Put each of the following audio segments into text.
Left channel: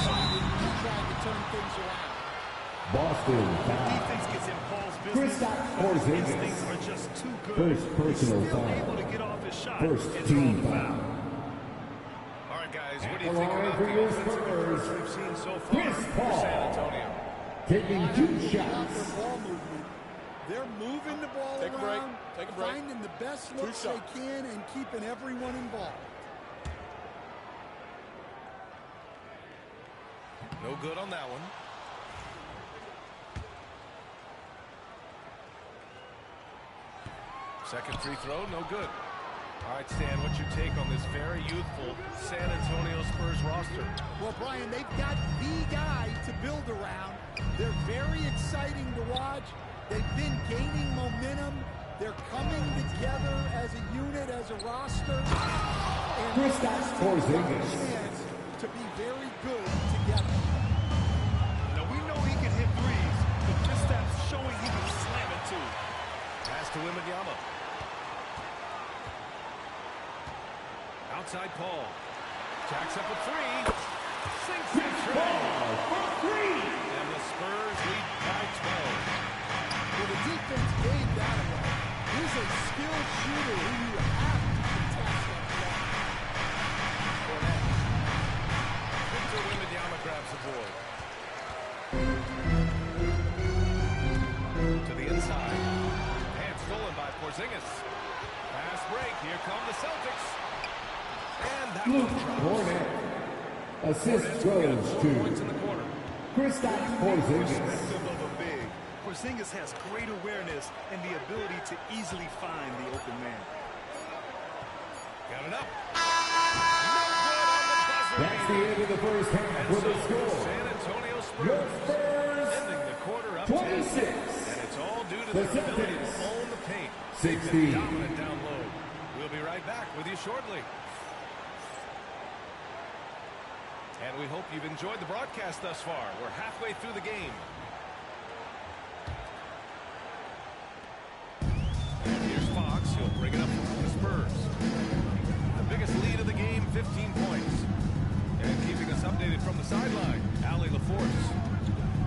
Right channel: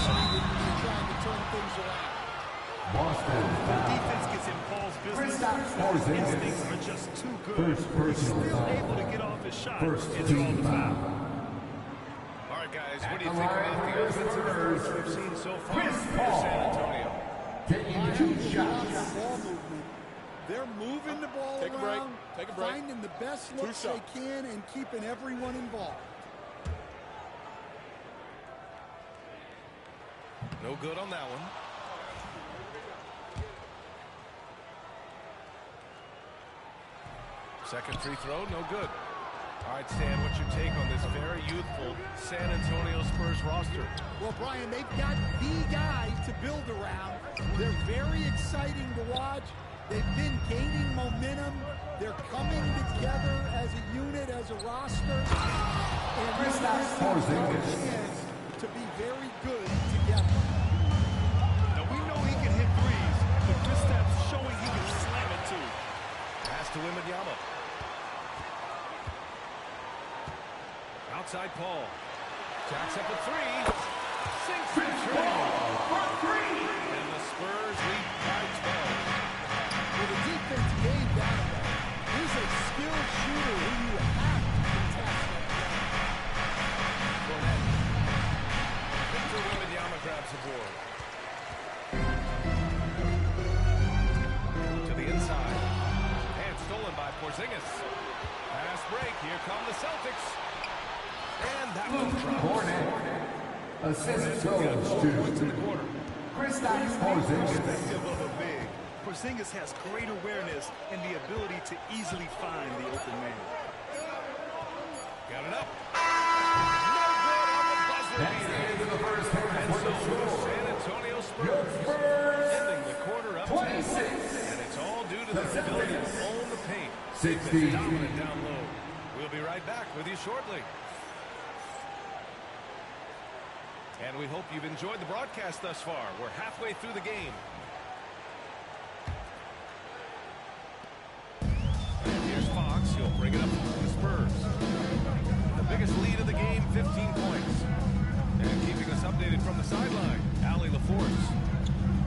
succeeded in trying to turn things around. Boston When foul. defense gets involved business, Kristaps his Porzingis. instincts are just too good. First He's personal still foul. able to get off his shot First and draw team the foul. foul. All right, guys, At what do you the think line about for the your offensive Spurs, approach we've seen so far Chris for Paul. San Antonio? Taking I have 2 to applaud shots. their ball movement. They're moving the ball Take a break. around, Take a break. finding the best 2 looks they shots. can, and keeping everyone involved. No good on that one. Second free throw, no good. All right, Stan, what's your take on this very youthful San Antonio Spurs roster? Well, Brian, they've got the guy to build around. They're very exciting to watch. They've been gaining momentum. They're coming together as a unit, as a roster. And this Kristaps team's got a Porzingis. chance to be very good together. Now, we know he can hit threes, but Kristaps showing he can slam it too. Pass to Wembanyama. Outside Paul. Jacks up a three. Sinks the train. And the Spurs lead by 12. Well, the defense gave that away. He's a skilled shooter who you have to contest that play. Fournette. Victor Wembanyama grabs the board. To the inside. And stolen by Porzingis. Pass break. Here come the Celtics. And that one drops. Fournette. Assist Hornets will get goes 4 points in to the quarter. Kristaps Unique Porzingis. perspective of a big. Porzingis has great awareness and the ability to easily find the open man. Got it up. No good on the buzzer That's the beater. end of the first half And with so the the score. San Antonio Your Spurs Spurs, ending the quarter up 26. 10. And it's all due to The their ability to Celtics, own the paint. They've 16. been dominant down low. We'll be right back with you shortly. And we hope you've enjoyed the broadcast thus far. We're halfway through the game. And here's Fox. He'll bring it up for the Spurs. The biggest lead of the game, 15 points. And keeping us updated from the sideline, Allie LaForce.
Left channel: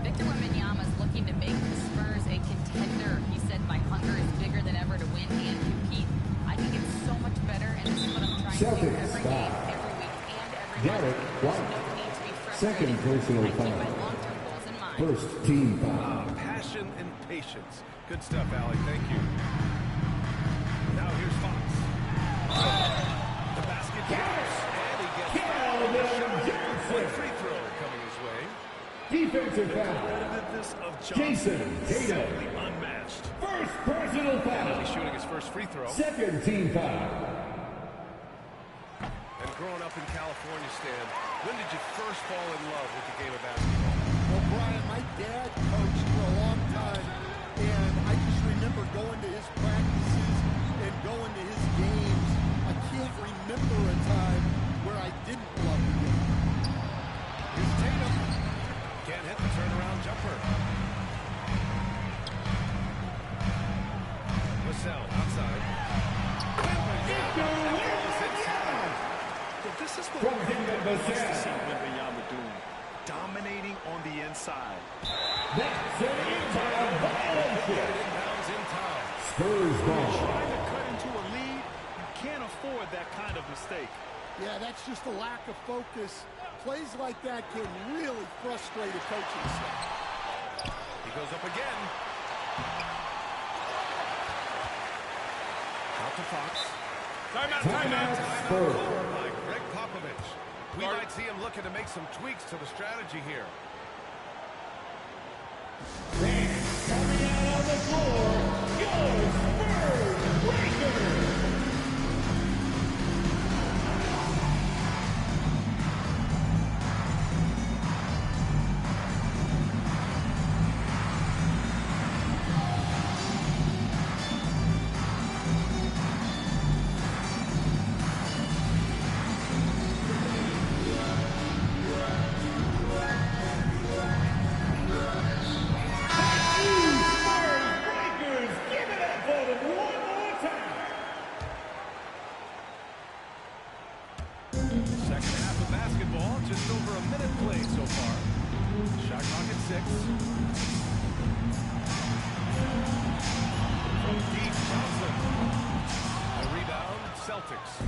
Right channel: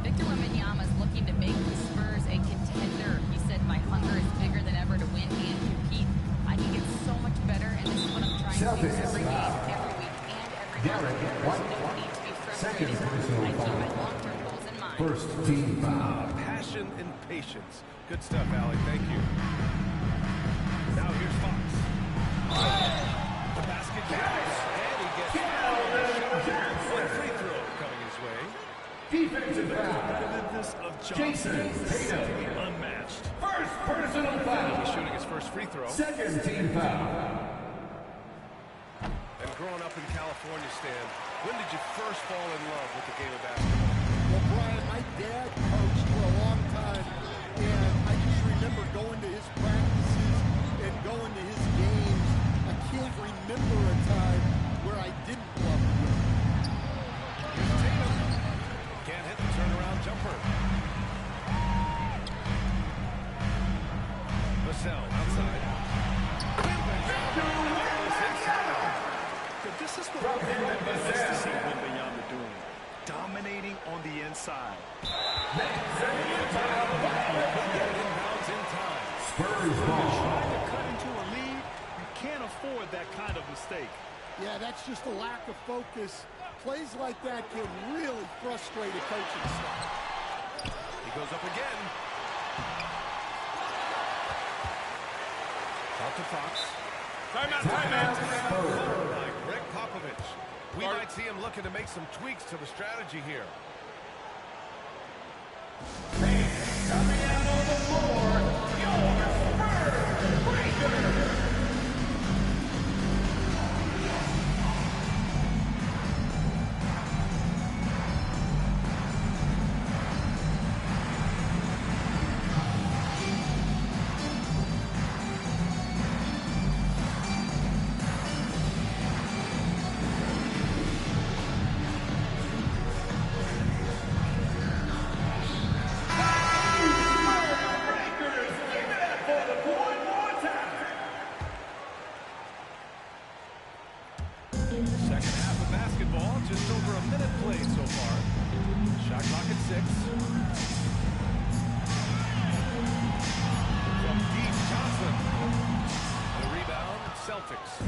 Victor Wembanyama is looking to make the Spurs a contender. He said, "My hunger is bigger than ever to win and compete. I can get so much better, and this is what I'm trying to do Celtics every foul. game, every week, and every Garrett month. There's White. no need to be Second frustrated. personal I keep foul. my long-term goals in mind." First team foul. Passion and patience. Good stuff, Allie. Thank you. Now here's Fox. The basket drops, and he gets fouled on the shot. One free throw coming his way. Defensive foul. Competitiveness of Jason Johnson is Tatum. simply unmatched. First personal He'll foul. be shooting his first free throw. Second team foul. And growing up in California, Stan, when did you first fall in love with the game of basketball? Well, Brian, my dad coached for a long time, and I just remember going to his practices and going to his games. I can't remember a time where I didn't love the game. Here's Tatum. Can't hit the turnaround jumper. Vassell outside. Wembanyama effortless inside. Yeah, this is what everyone wants to see Wembanyama doing. Dominating on the inside. Get it inbounds in time. Spurs ball. Trying to cut into a lead, you can't afford that kind of mistake. Yeah, that's just a lack of focus. Plays like that can really frustrate a coaching staff. He goes up again. Out to Fox. Timeout. Spurs. Called by Greg Popovich. We might see him looking to make some tweaks to the strategy here. Coming out on the floor, your Spurs Breakers. Second half of basketball, just over a minute played so far. Shot clock at 6. From deep, Johnson. The rebound, Celtics.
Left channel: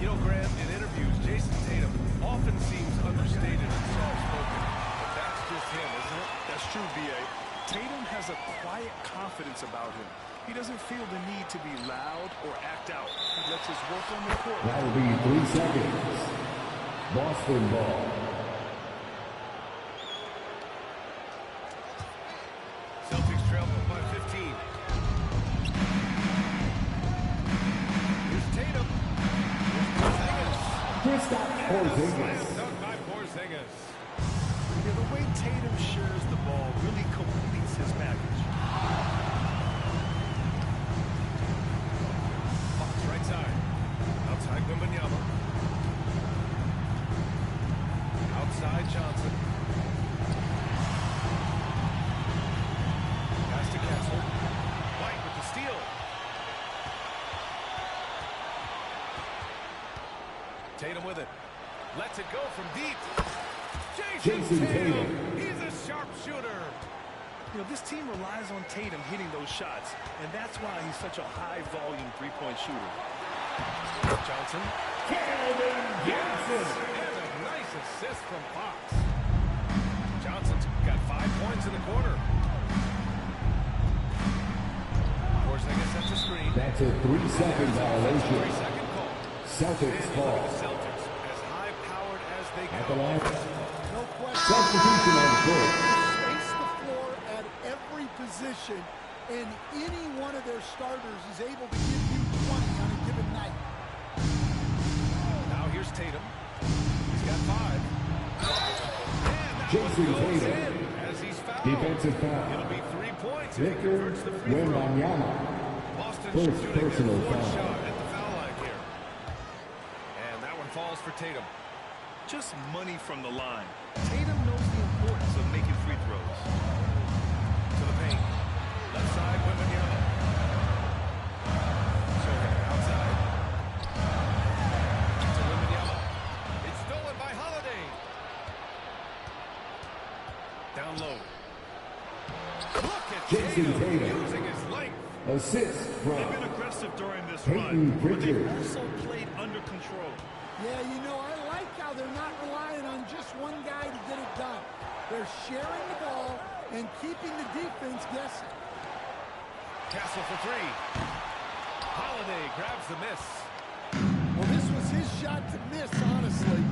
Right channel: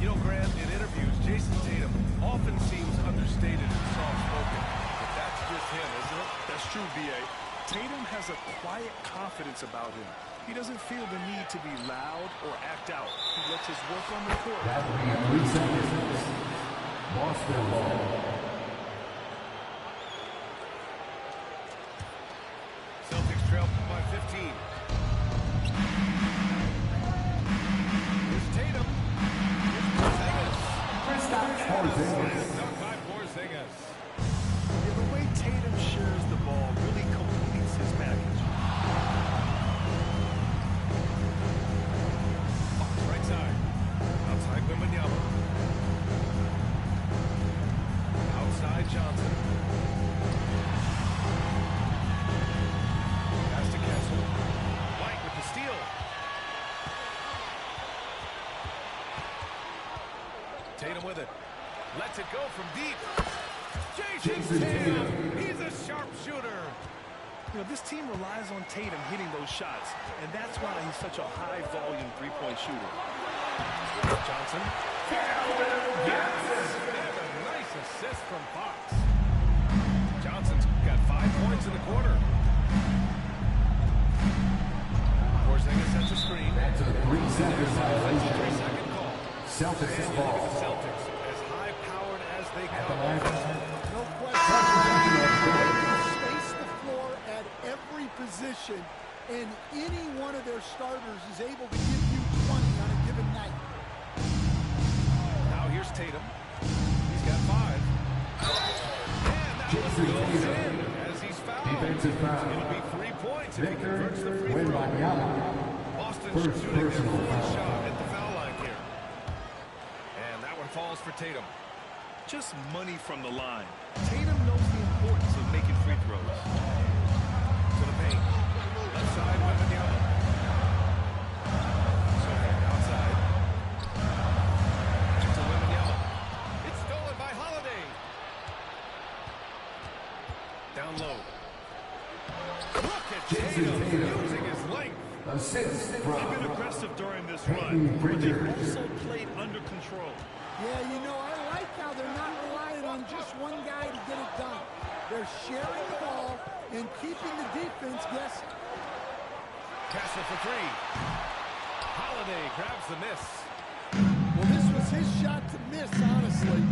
You know, Grant, in interviews, Jason Tatum often seems understated and soft-spoken. But that's just him, isn't it? That's true, B.A. Tatum has a quiet confidence about him. He doesn't feel the need to be loud or act out. He lets his work on the court. That'll be 3 seconds. Boston ball. Celtics trail by 15. Here's Tatum. Here's Porzingis. Porzingis. Slam dunk by Porzingis. Yeah, the way Tatum shares the ball really completes his package. Fox right side. Outside Wembanyama. Outside Johnson. Pass to Kessel. White with the steal. Tatum with it. Lets it go from deep. Jason Tatum. He's a sharpshooter. You know, this team relies on Tatum hitting those shots, and that's why he's such a high-volume three-point shooter. Johnson. Yes! And a nice assist from Fox. Johnson's got 5 points in the quarter. Porzingis sets a screen. That's a 3-second That's a violation. 3-second call. Celtics And you look ball. at the Celtics, as high-powered as they At the come. line. No question. Substitution on court. Space the floor at every position, and any one of their starters is able to give you 20 on a given night. Now here's Tatum. He's got 5. And that one Jason goes Tatum. in as he's fouled. Defensive foul. It'll be 3 points if he Victor converts the free throw. Wembanyama. Boston's First shooting their personal 4th foul. shot at the foul line here. And that one falls for Tatum. Just money from the line. Tatum knows the importance of making free throws. To the paint. Left side, Wembanyama. Sohan outside. Back to Wembanyama. It's stolen by Holiday. Down low. Look at Jason Tatum Tatum. using his length. Assist They've from been aggressive during this Peyton run, but they've Pritchard. also played under control. Yeah, you know, I like how they're not relying on just one guy to get it done. They're sharing the ball and keeping the defense guessing. Castle for 3. Holiday grabs the miss. Well, this was his shot to miss, honestly.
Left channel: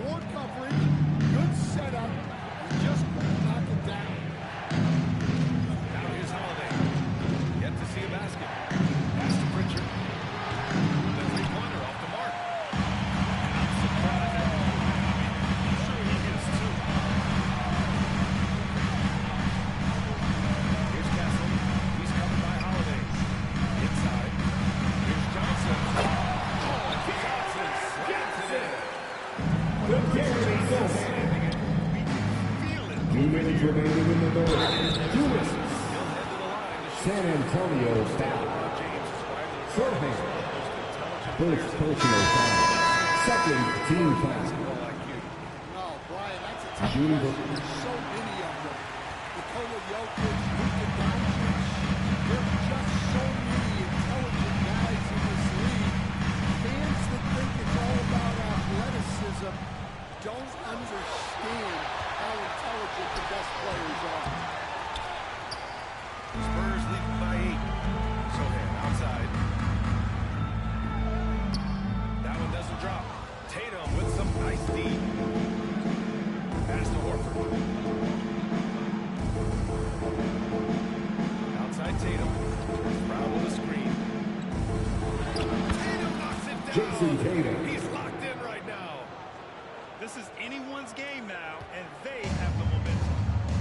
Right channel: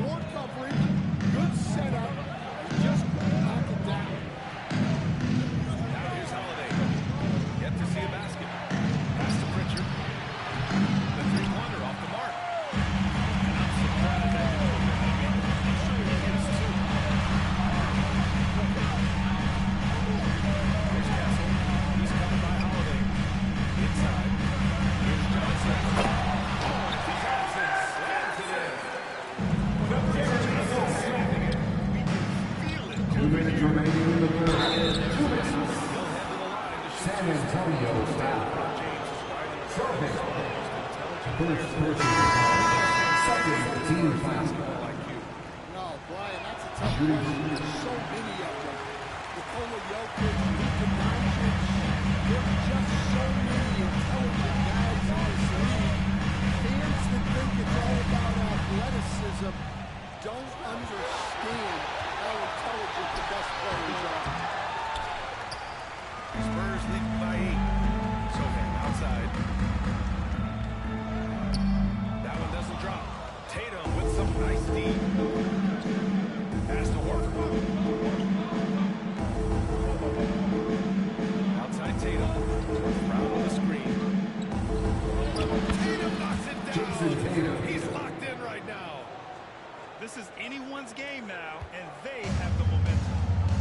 Poor coverage, good setup, he just couldn't knock it down. Now here's Holiday. Yet to see a basket. Pass to Pritchard. The 3-pointer off the mark. And I'm surprised that didn't go in. I mean, I'm sure he hit us too. Here's Castle. He's covered by Holiday. Inside. Here's Johnson. Oh, and Johnson slams it in. Whenever Johnson slamming it, we can feel it 2 over minutes here. remaining in the third. 2 minutes. He'll head to the line to shoot. San Antonio foul. LeBron James is widely regarded Sohan. as one of the most intelligent First players in the personal foul. Second team foul. basketball IQ. No, Brian, that's a tough Shooting question. There's so many of them. Nikola Jokic, Luka Doncic. There are just so many intelligent guys in this league. Fans that think it's all about athleticism don't understand how intelligent the best players are. Spurs lead by 8. Sohan outside. That one doesn't drop. Tatum with some nice D. Pass to Horford. Outside Tatum. Brown with a screen. Tatum knocks it down. Jason Tatum. He's locked in right now. This is anyone's game now, and they have the momentum.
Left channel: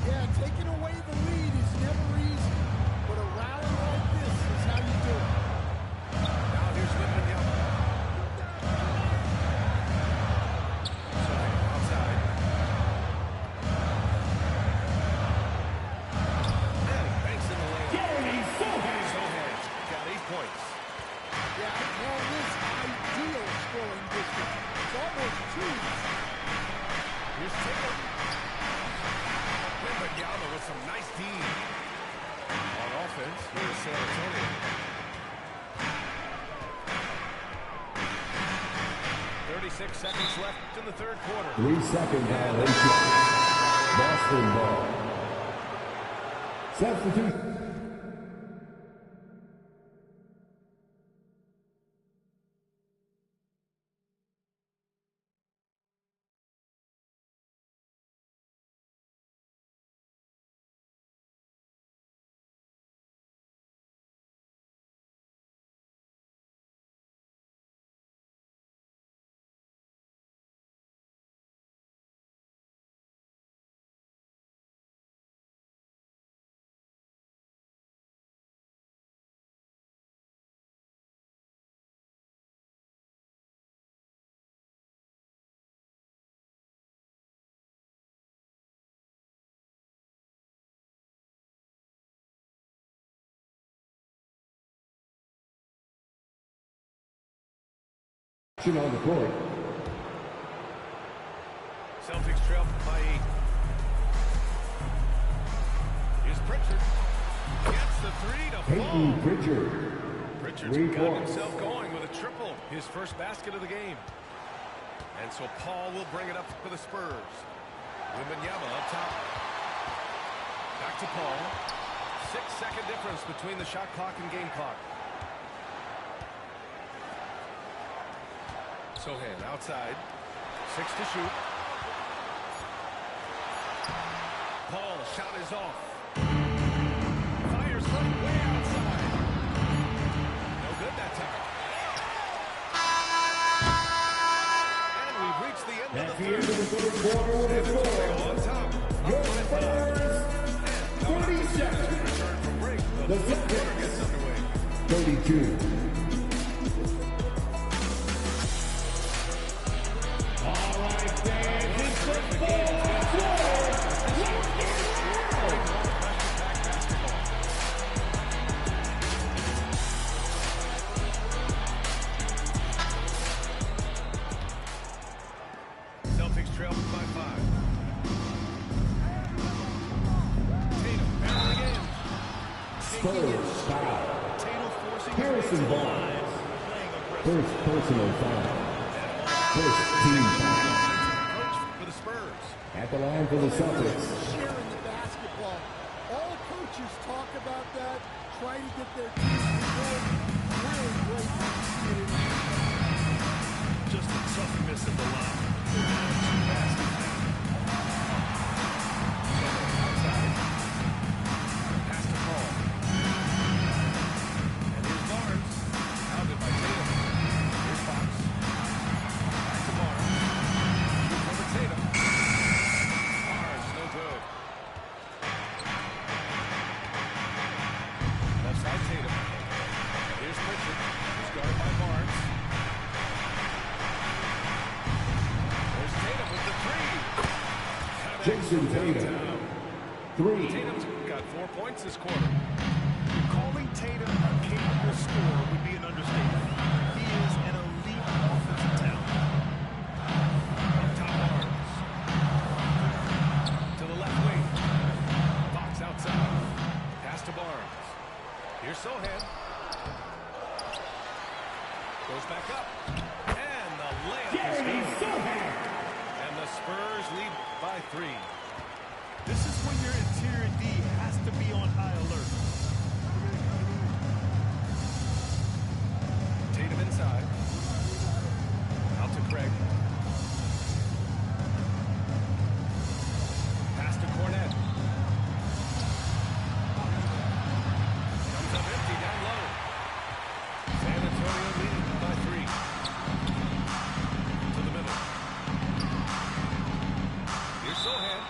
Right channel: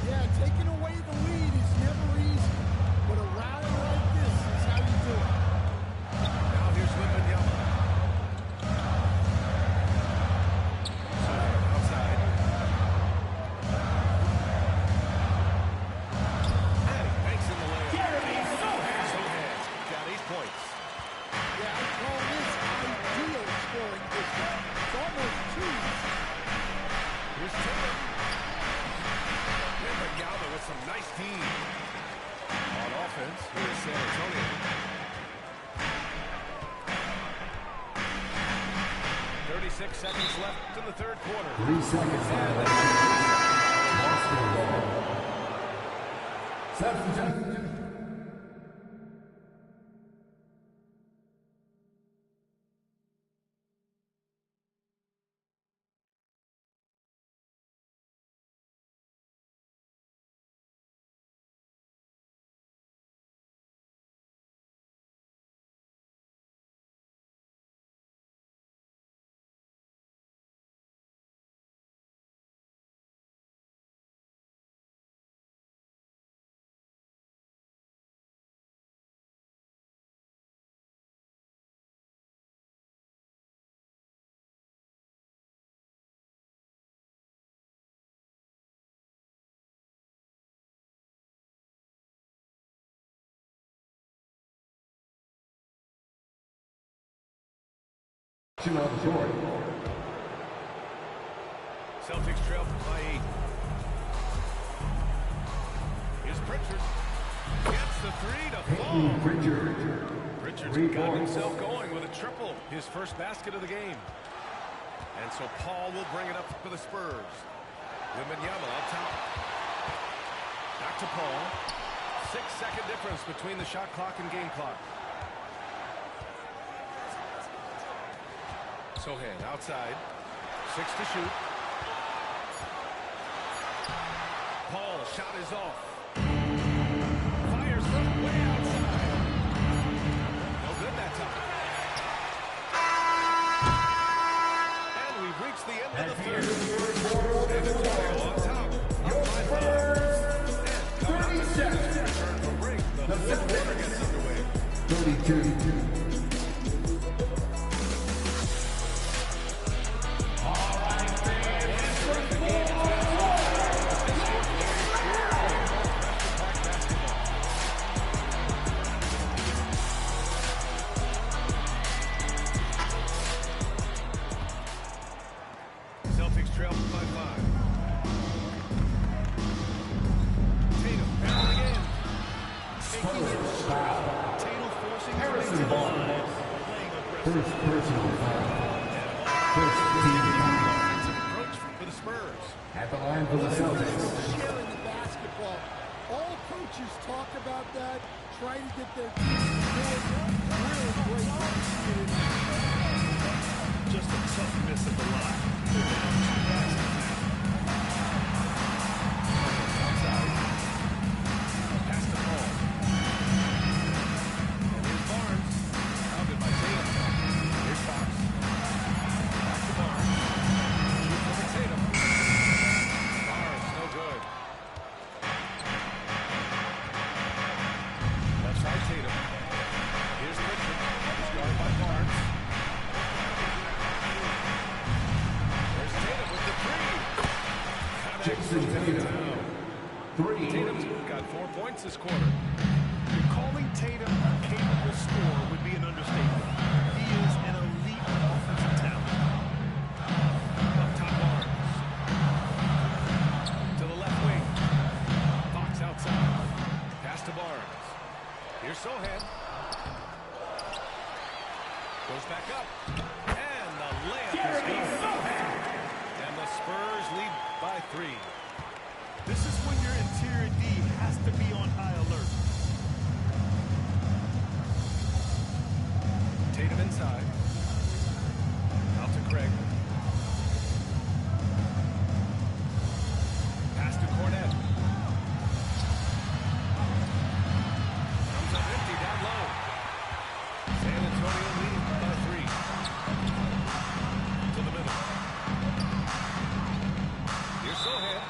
Yeah, taking away the lead is never easy, but a rally like this is how you do it. Now here's Wembanyama. Sohan outside. And he banks in the layup. Sohan's got 8 points. Yeah, I call this ideal scoring distance. almost too easy. Here's Tatum. Wembanyama with some nice D. On offense, here's San Antonio. 36 seconds left in the third quarter. 3-second violation. Boston ball. Substitute. On the court. Celtics trail by 8. Here's Pritchard. Gets the three to fall. Pritchard. Pritchard's got himself going with a triple. His first basket of the game. And so Paul will bring it up for the Spurs. Wembanyama up top. Back to Paul. 6-second difference between the shot clock and game clock. Sohan outside. 6 to shoot. Paul shot is off. Fires from way outside. No good that time. And we've reached the end of the third. San Antonio on top. Up by 5. And coming up as soon as we return from break, the fourth quarter gets underway. 32. Celtics trail by 5. Tatum battling in. Spurs foul. Tatum forcing his way Harrison to the Barnes. line, playing aggressive. First personal foul. First team foul. Offensive approach for the Spurs. At the line for the Celtics. Sharing the basketball. All coaches talk about that, try to get their teams to do it. Really great when you see it in Just a tough miss at the line. They're down 2 baskets now. Outside. Pass to Paul. And here's Barnes. Pounded by Tatum. Here's Fox. Back to Barnes. Shoots over Tatum. Barnes, no good. Left side Tatum. Here's Pritchard. He's guarded by Barnes. There's Tatum with the three. Jason Tatum. 3. Tatum's got 4 points this quarter. Calling Tatum a capable scorer would be an understatement. He is an elite offensive talent. Up top Barnes. To the left wing. Fox outside. Pass to Barnes. Here's Sohan. Goes back up. And the layup is good. And the Spurs lead by 3. This is when your interior D has to be on high alert. Tatum inside. Out to Craig. Pass to Cornette. Comes up empty down low. San Antonio leading by 3. To the middle. Here's Sohan.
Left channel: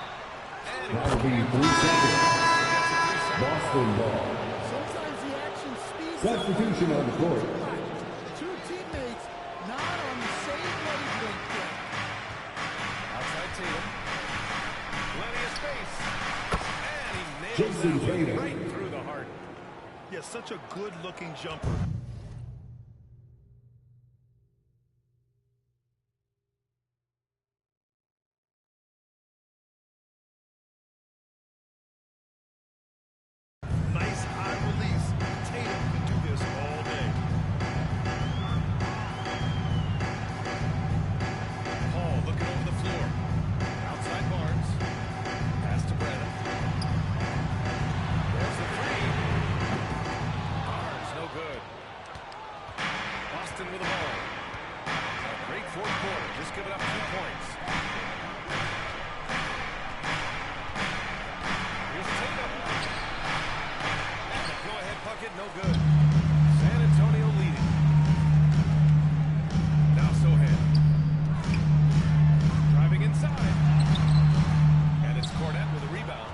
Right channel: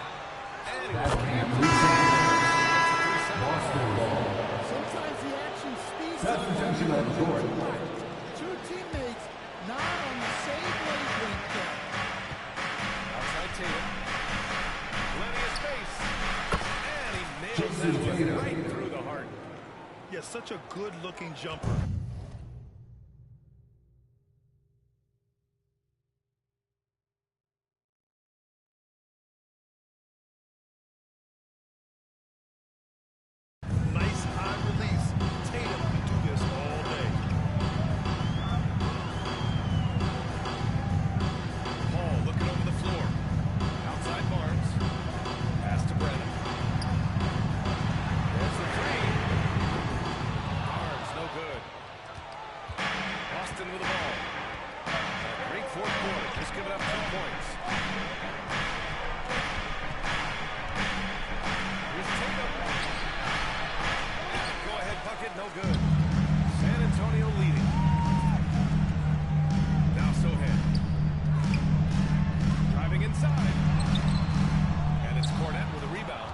And he That'll be 3 seconds. gets a 3-second Boston ball. Sometimes the action speeds up. Substitution on the court. Too much. 2 teammates not on the same wavelength there. Outside Tatum. Plenty of space. And he nails Jason that one Tatum. right through the heart. Yeah, such a good-looking jumper. fourth quarter. Just giving up 2 points. Here's Tatum. And the go-ahead bucket, no good. San Antonio leading. Now Sohan. Driving inside. And it's Cornette with a rebound.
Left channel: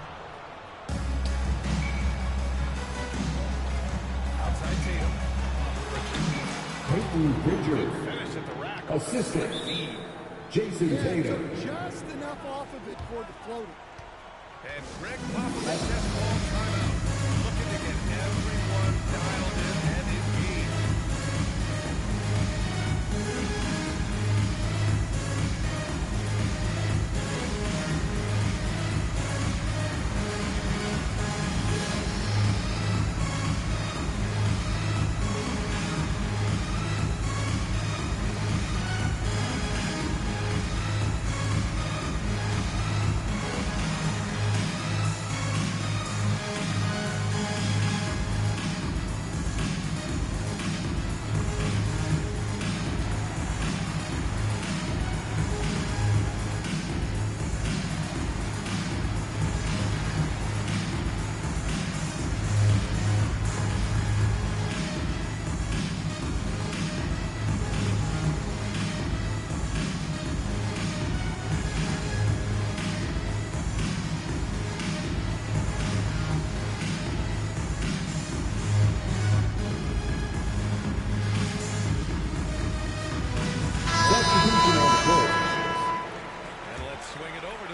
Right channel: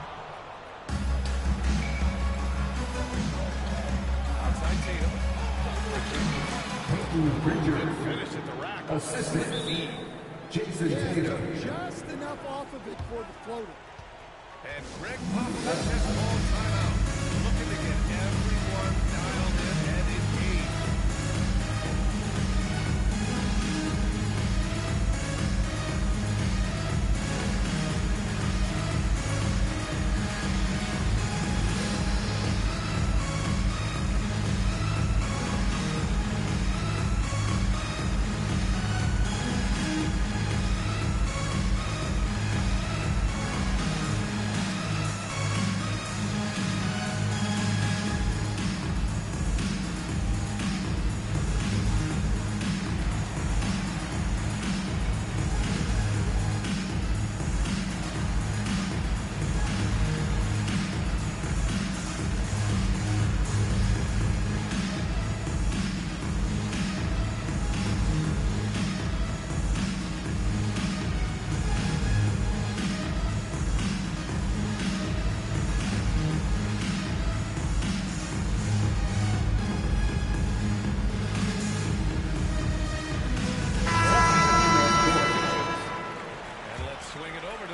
Outside Tatum. Peyton Pritchard. Good finish at the rack. Assistant. Feed. Jason Tatum. Just enough off of it for the floater. And Greg Popovich just called timeout. Looking to get everyone dialed in and engaged.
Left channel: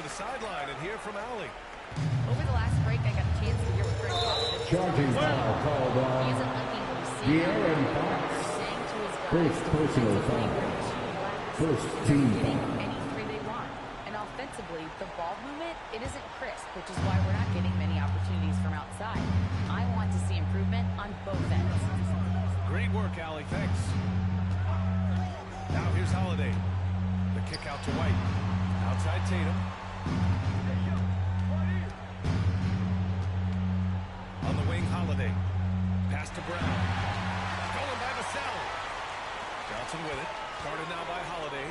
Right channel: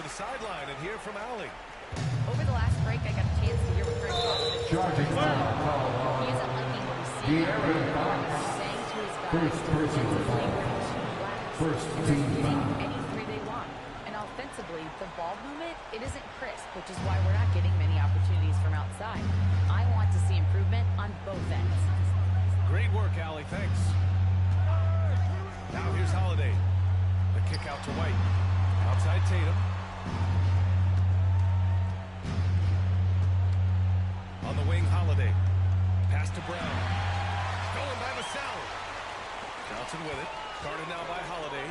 Sideline and hear from Allie. Over the last break, I got a chance to hear what Greg Popovich is Charging talking foul about. called on. He isn't liking what he's seeing on the De'Aaron perimeter, Fox. saying to his guys First personal defensively, foul. we're too lax, First and team they're getting foul. any three they want. And offensively, the ball movement, it isn't crisp, which is why we're not getting many opportunities from outside. I want to see improvement on both ends. Great work, Allie. Thanks. Now here's Holiday. The kick out to White. Outside Tatum. On the wing, Holiday. Pass to Brown. Stolen by Vassell. Johnson with it. Guarded now by Holiday.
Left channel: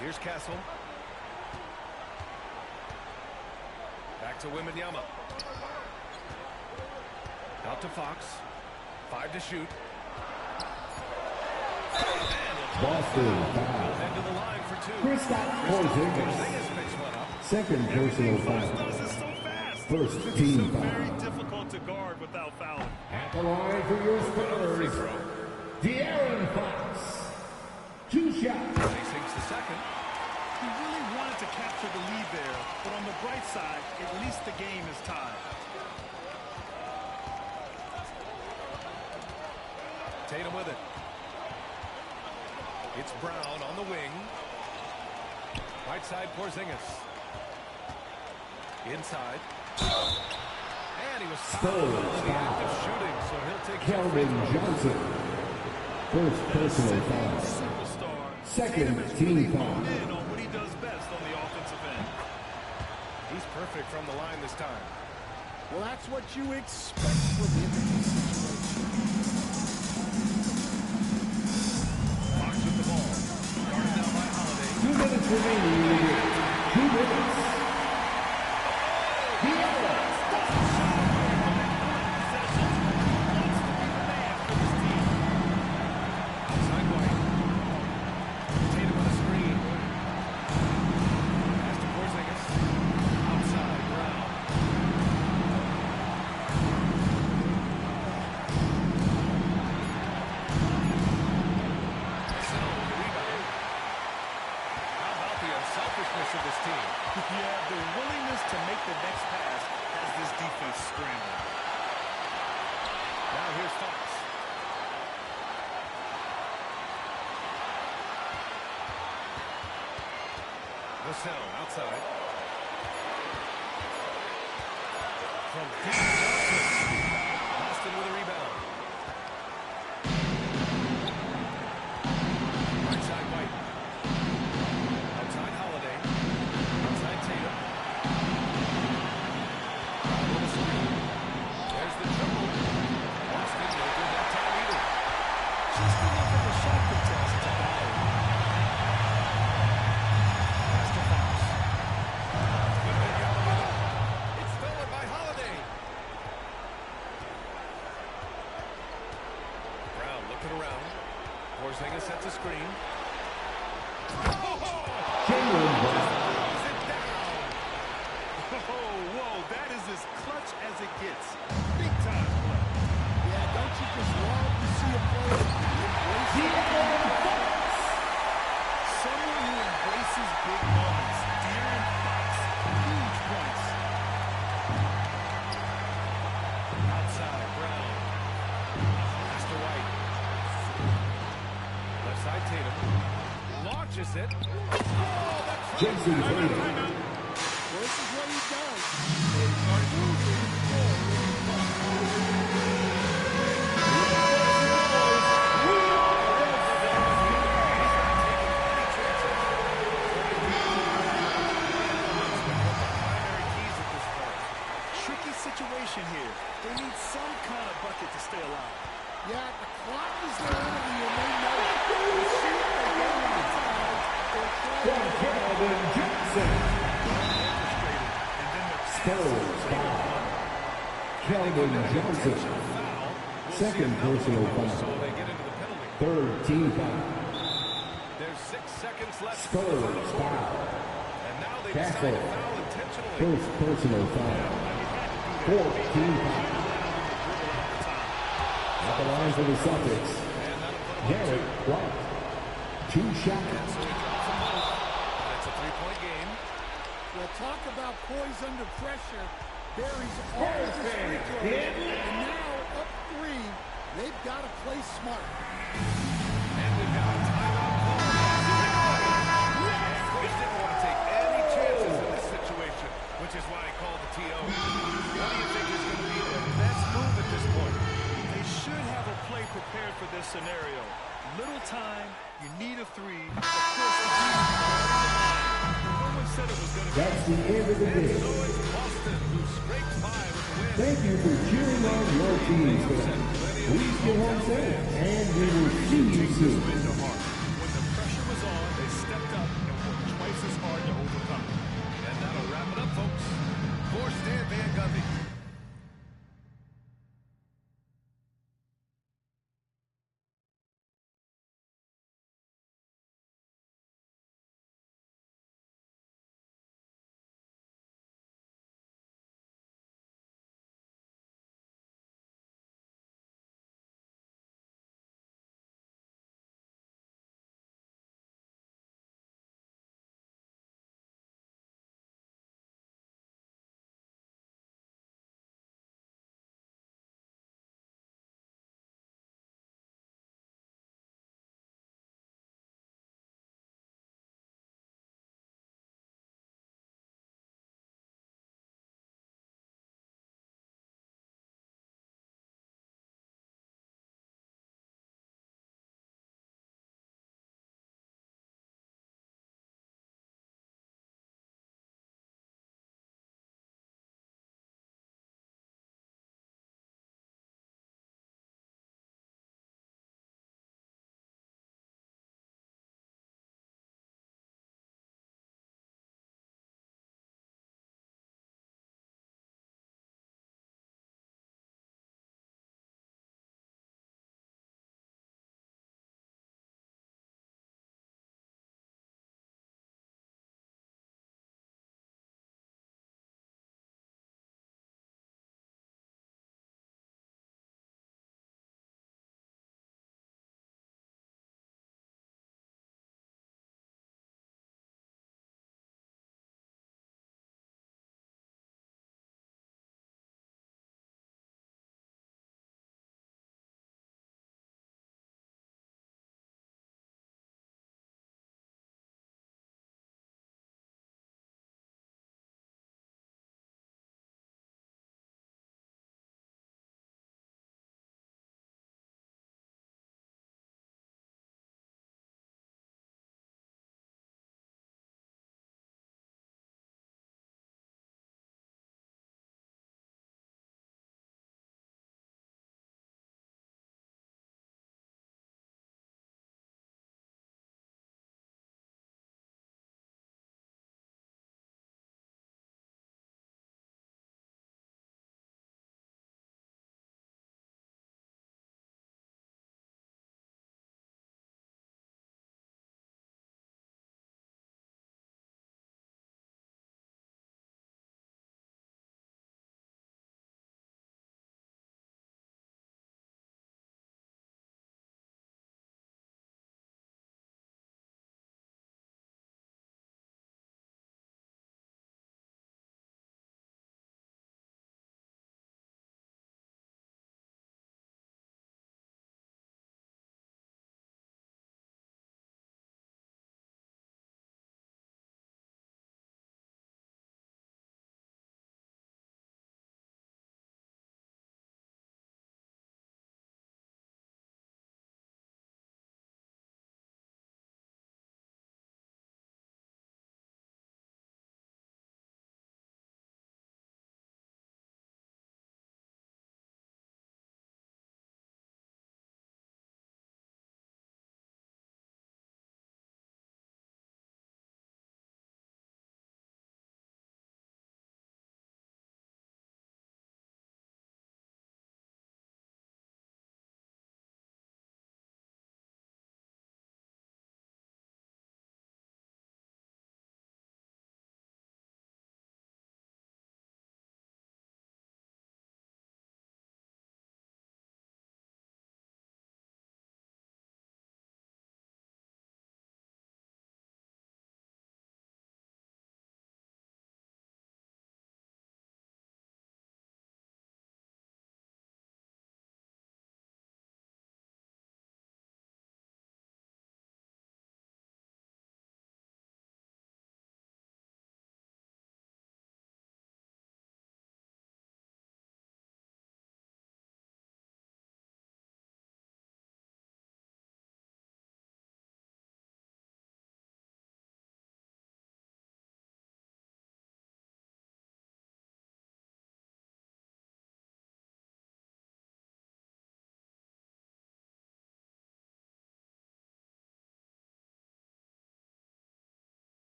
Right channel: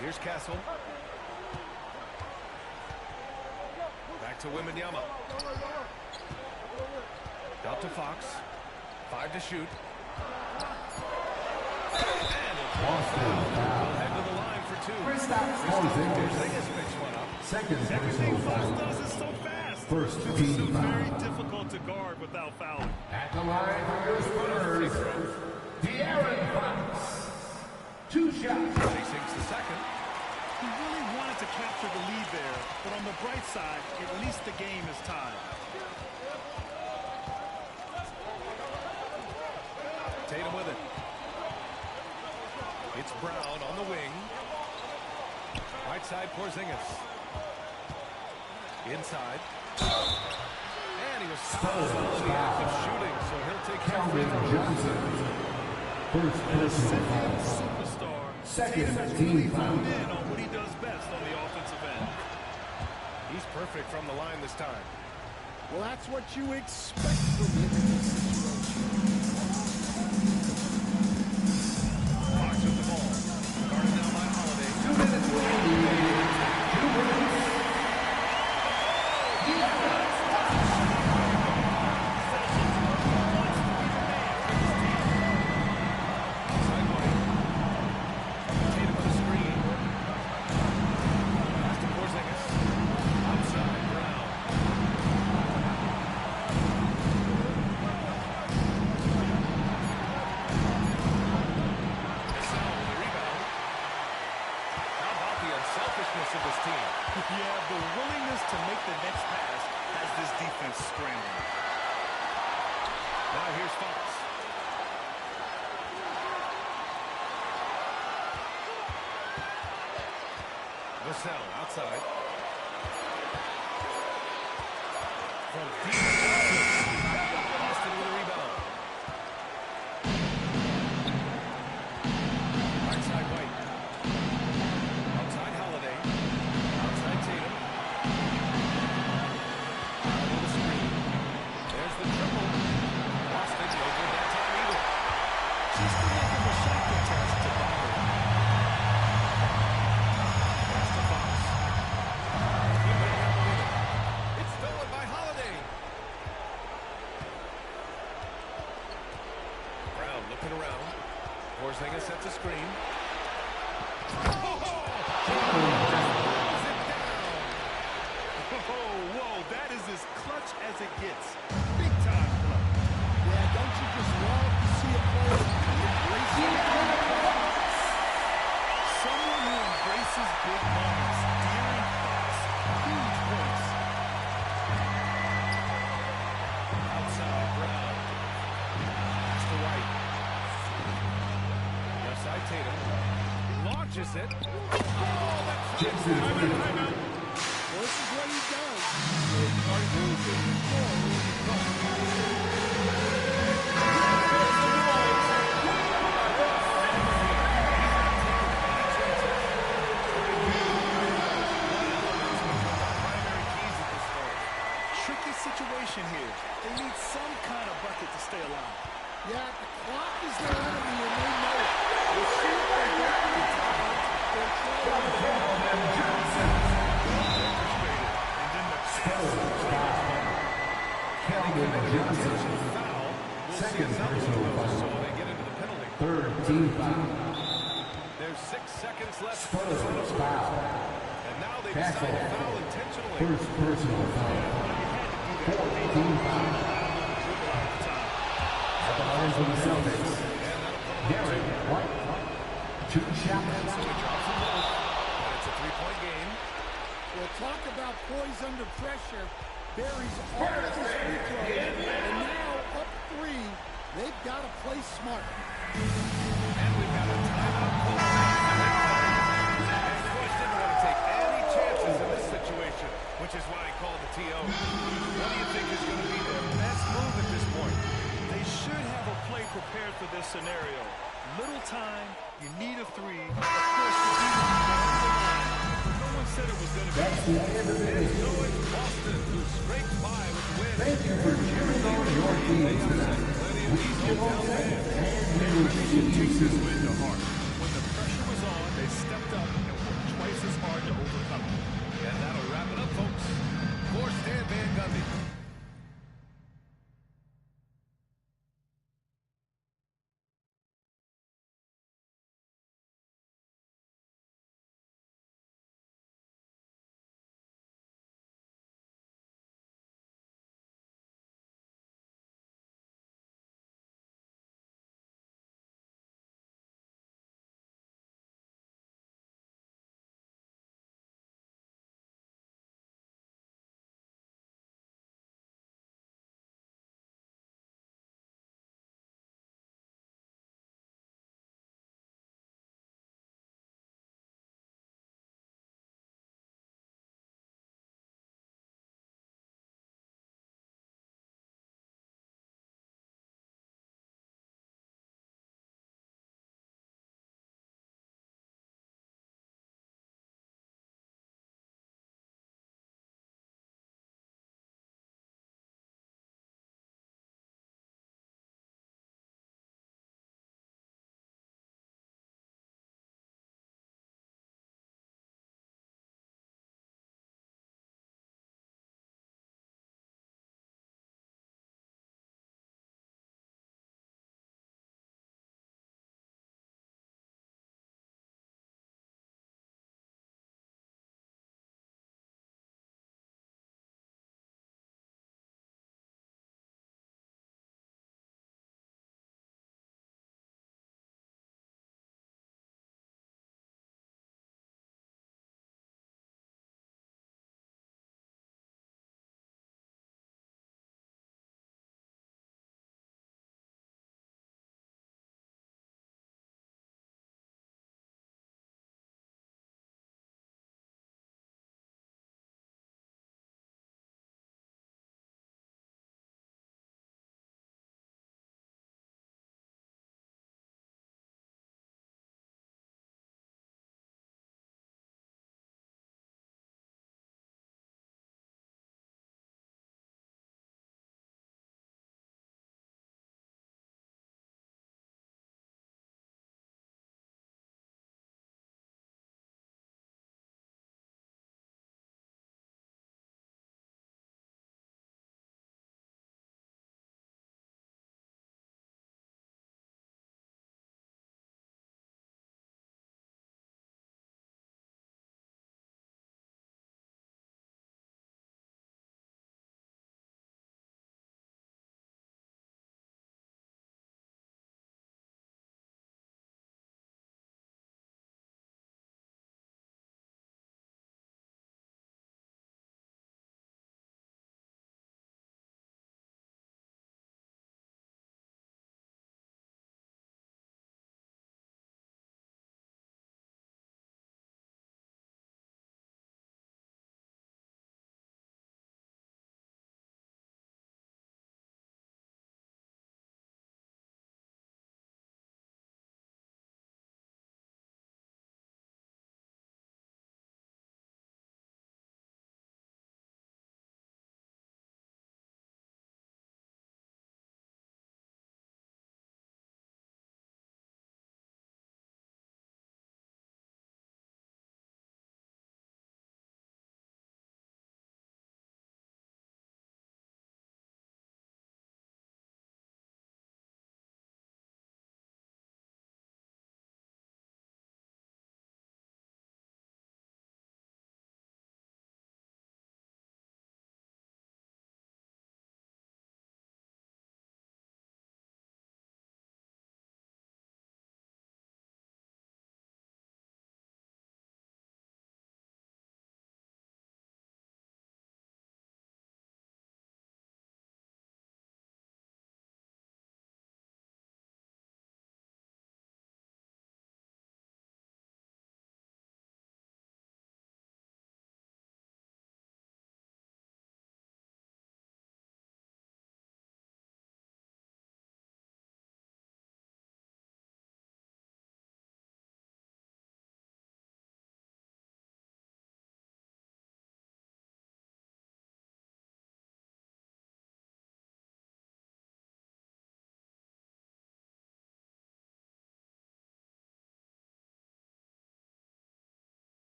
Here's Castle. Back to Wembanyama. Out to Fox. 5 to shoot. And Boston He'll foul. head to the line for 2. Porzingis. Porzingis picks one up. Second personal Everything Fox foul. does is so fast. First This team is so foul. very difficult to guard without fouling. At the line for your Another free Spurs. throw. De'Aaron Fox. 2 shots. He sinks the second. He really wanted to capture the lead there, but on the bright side, at least the game is tied. Tatum with it. It's Brown on the wing. Right side, Porzingis. Inside. And he was fouled in the act of shooting, so he'll take 2 free Kelvin throws. Johnson. First As a personal sitting foul. superstar, Second Tatum has team really foul. honed in on what he does best on the offensive end. He's perfect from the line this time. Well, that's what you expect from him in this situation. Fox with the ball. Guarded now by Holiday. 2 minutes remaining. 2 minutes. De'Aaron. Outside White. Tatum with a screen. Pass to Porzingis. Outside Brown. Vassell with the rebound. How about the unselfishness of this team? Yeah, the willingness to make the next pass has this defense scrambling. Now here's Fox. Vassell outside. From deep, Boston with a rebound. Right side White. Outside Holiday. Outside Tatum. Brown with a screen. There's the triple. Boston no good that time either. enough of a shot contest to bother him. Pass to Fox. Wembanyama with it. It's stolen by Holiday. Brown looking around. Porzingis sets a screen. Oh! Just throws it down. Oh, whoa, that is as clutch as it gets. Big time play. Yeah, don't you just love to see a player embrace that kind of pressure? Someone who embraces big moments. De'Aaron Fox. Huge points. Outside, Brown. Pass to White. Left side, Tatum. Launches it. Oh, that's Timeout. Well, this is what he does. They are losing score in the cup. He's not taking any chances. Trying to one element's become the primary keys at this point. Tricky situation here. They need some kind of bucket to stay alive. Yeah, the clock is their enemy, and they know it. We'll see if they get to the time or try to win it. Keldon Johnson. Well orchestrated. And then the pass. Spurs foul. They Keldon committed an Johnson. intentional foul. We'll see Second another one personal of those, foul. so they get into the penalty. Third team foul. There's 6 seconds left for the Spurs final quarter. foul. And now they Tackle. decide to foul intentionally. First personal foul. Well, you had to do that. Fourth team You foul. can't allow them to dribble out the time. At the line for the Celtics. And that'll put them up Derek 2. White. Two shots. And so he drops them both. And it's a 3-point game. Well, talk about poise under pressure. Buries all of his free throws, and now up 3. They've got to play smart. And we've got a timeout call. And coach didn't want to take any chances in this situation, which is why he called the TO. What do you think is going to be their best move at this point? They should have a play prepared for this scenario. Little time, you need a 3. Of course, the defense is on the line, but no one said it was going to be. That's the end of the And game. so it's Boston who scrapes by with the win. Thank you for cheering on your teams tonight. We feel home fans, and we will see you Take this soon. win to heart. When the pressure was on, they stepped up and worked twice as hard to overcome it. And that'll wrap it up, folks. For Stan Van Gundy.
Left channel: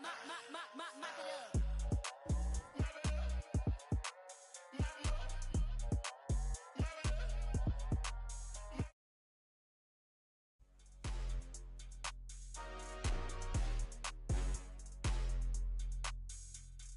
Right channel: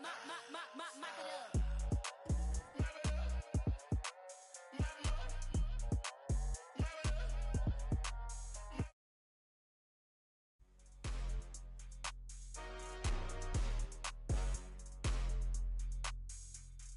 mop it up.